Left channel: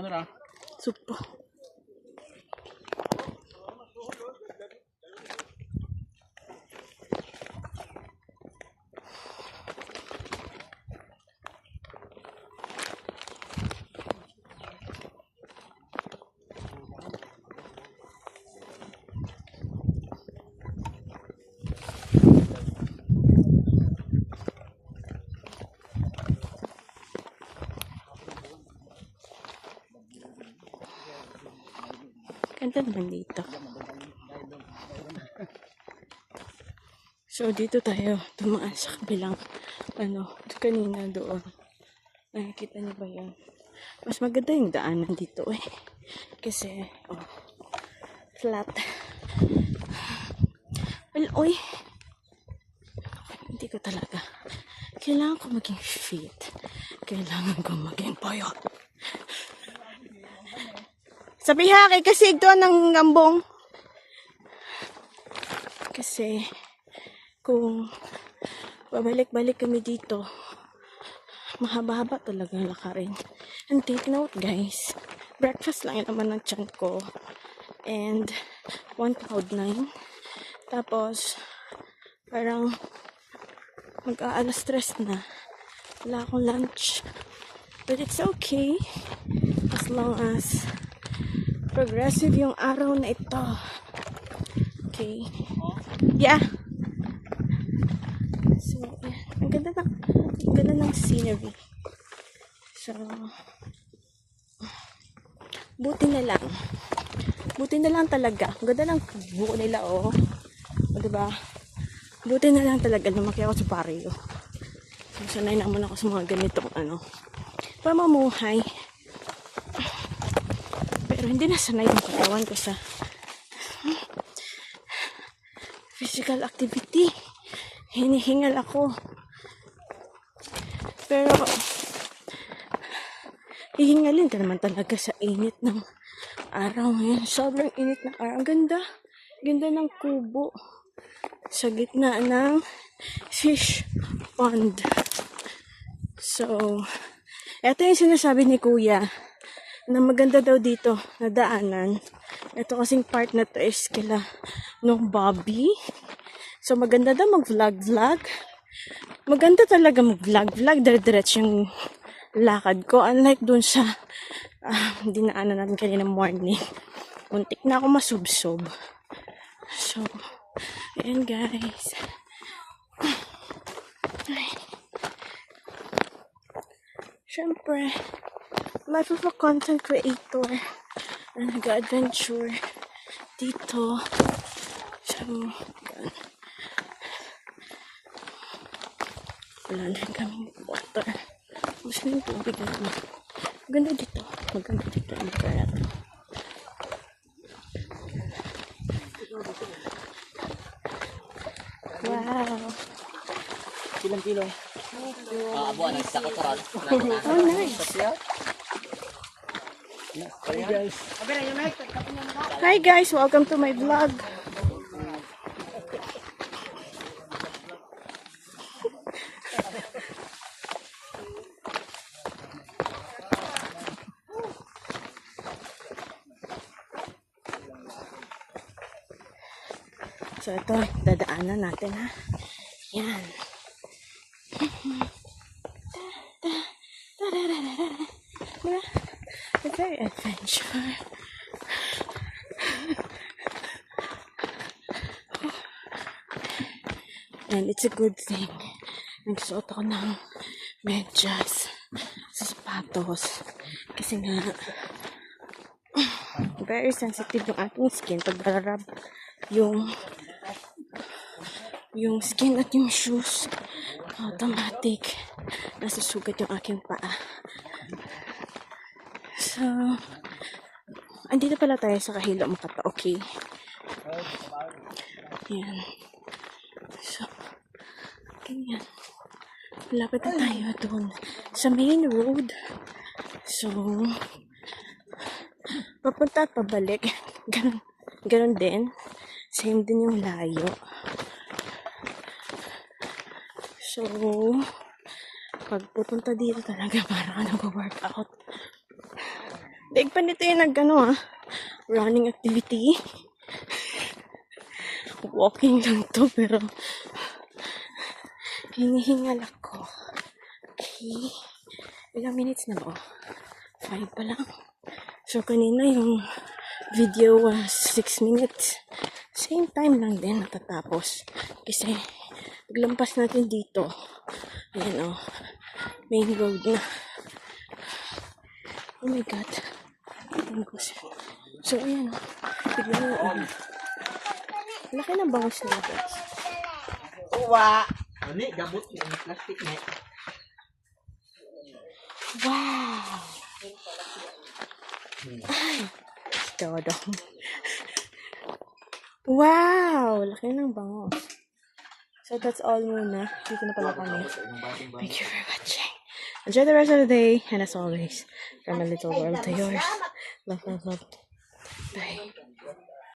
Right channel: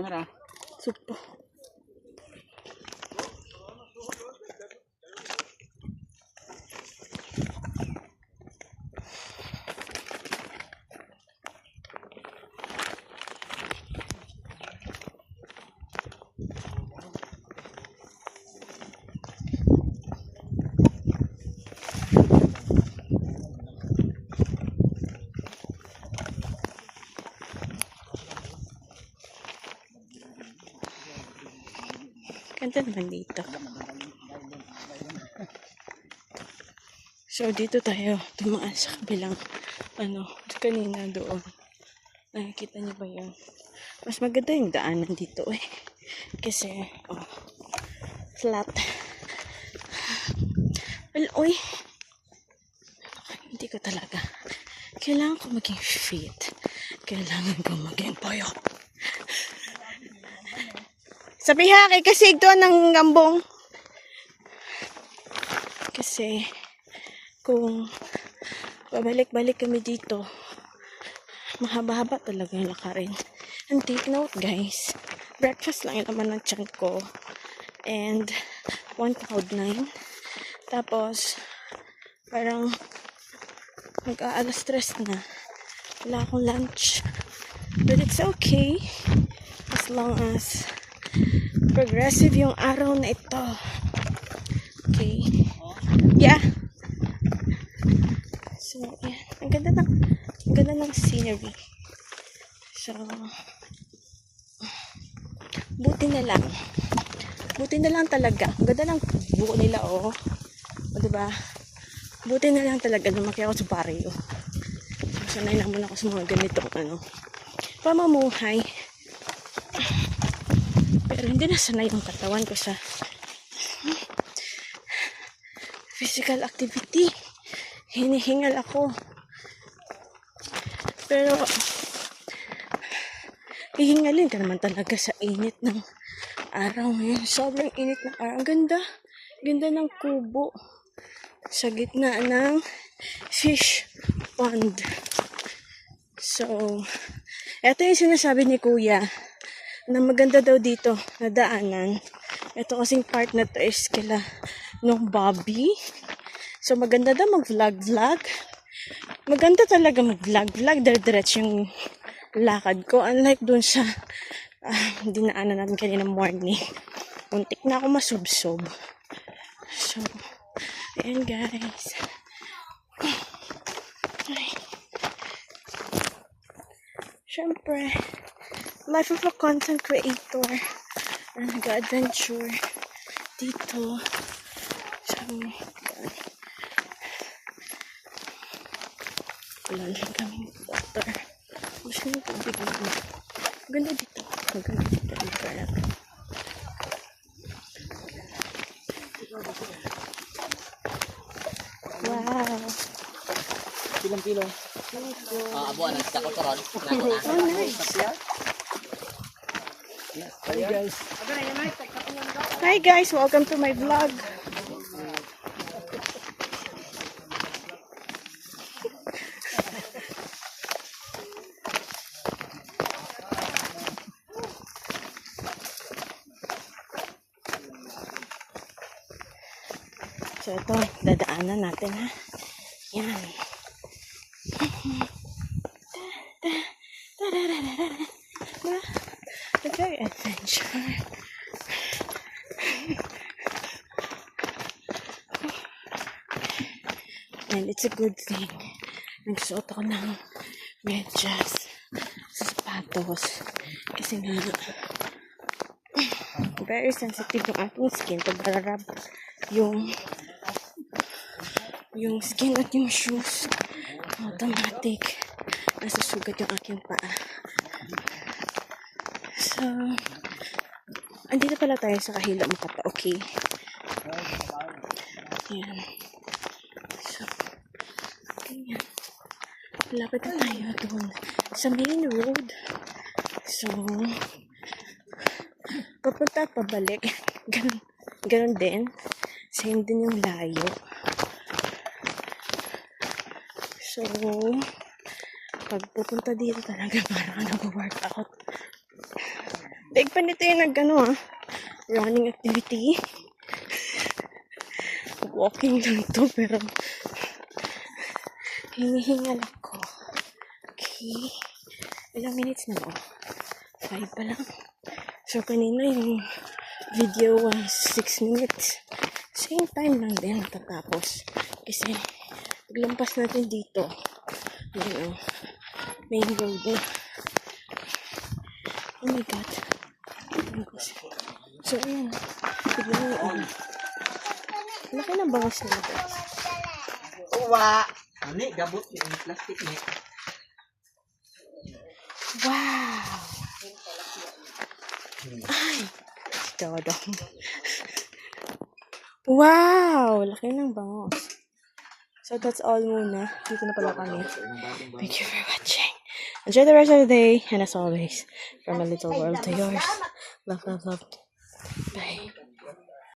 Ano na? Supo. Ganda naman dito. So, dito tayo tumaan sa kabilang, kanina doon. Nakikita niyo ba yun? Mas maganda yung daanan dito eh. Kasi, flat. Well, hindi ko talaga. Kailangan ko maging fit. Kailangan ko maging payat. Sabi ha, kay kasig to ng gambong. Kasi, kung babalik-balik kami dito, mahaba-haba talaga yung lakarin. And take note guys, breakfast lang yung naman ng tiyan ko. And, 1 cloud 9. Tapos, parang, mag-aalas stress na. Wala akong lunch. But it's okay. As long as progressive yung araw na ito. Okay. Yeah. So, yeah. Ang ganda ng scenery. So, buti na lang. Buti na lang talaga. Ang ganda ng buko nila, O, diba? Buti na lang talaga lumaki ako sa barrio. So, sanay naman ako sa mga ganitong, pamumuhay. Pero hindi na sanay yung katawan ko sa physical activity. Hinihingal ako. Pero hihingalin ka naman talaga sa init ng araw ngayon. Sobrang init ng araw. Ang ganda. Ganda ng kubo sa gitna ng fish pond. So, eto yung sinasabi ni Kuya na maganda daw dito na daanan. Ito kasing part na to is kila nung Bobby. So, maganda daw mag-vlog-vlog. Maganda talaga mag-vlog-vlog. Diretso yung lakad ko. Unlike dun sa dinaanan natin kanina morning. Muntik na ako masubsob. So, ayan guys. Siyempre, life of a content creator. Nag-adventure dito. So, wala lang kaming water. Gusto nyo tubig naman. Maganda dito. Maganda dito. Wow. Ilang kilo? Abuan ang isa ko karan. Oh, nice. Hey guys. Hi guys, welcome to my vlog. So ito, dadaanan natin ha. Yan. A very adventure. And it's a good thing. Nagsuot ako ng medyas sa sapatos. Kasi nga, very sensitive yung ating skin pag rarab yung skin at yung shoes. Automatic. Nasusugat yung aking paa. So, andito pala tayo sa Kahilo Makata. Okay. Yan. So, ganyan. Lapit na tayo doon sa main road. So, papunta at pabalik. Ganun din. Same din yung layo. So, pag pupunta dito talaga para ka nag-workout. Daig pa nito yung running activity. Walking lang to, pero hinihingal ako. Okay. Ilang minutes na ba? 5 pa lang. So, kanina yung video was 6 minutes. Same time lang din natatapos. Kasi, paglampas natin dito, ayan main road na. Oh my God. So, ayan. Tignan mo yun. Laki ng bangus nila, guys. Uwa! Ano gabot yung plastic na. Wow! Ay! Dodong. Wow! Laki ng bangus. So, that's all muna. Dito na pala kami. Thank you for watching. Enjoy the rest of the day. And as always, from my little world to yours. Love, love, love. Bye.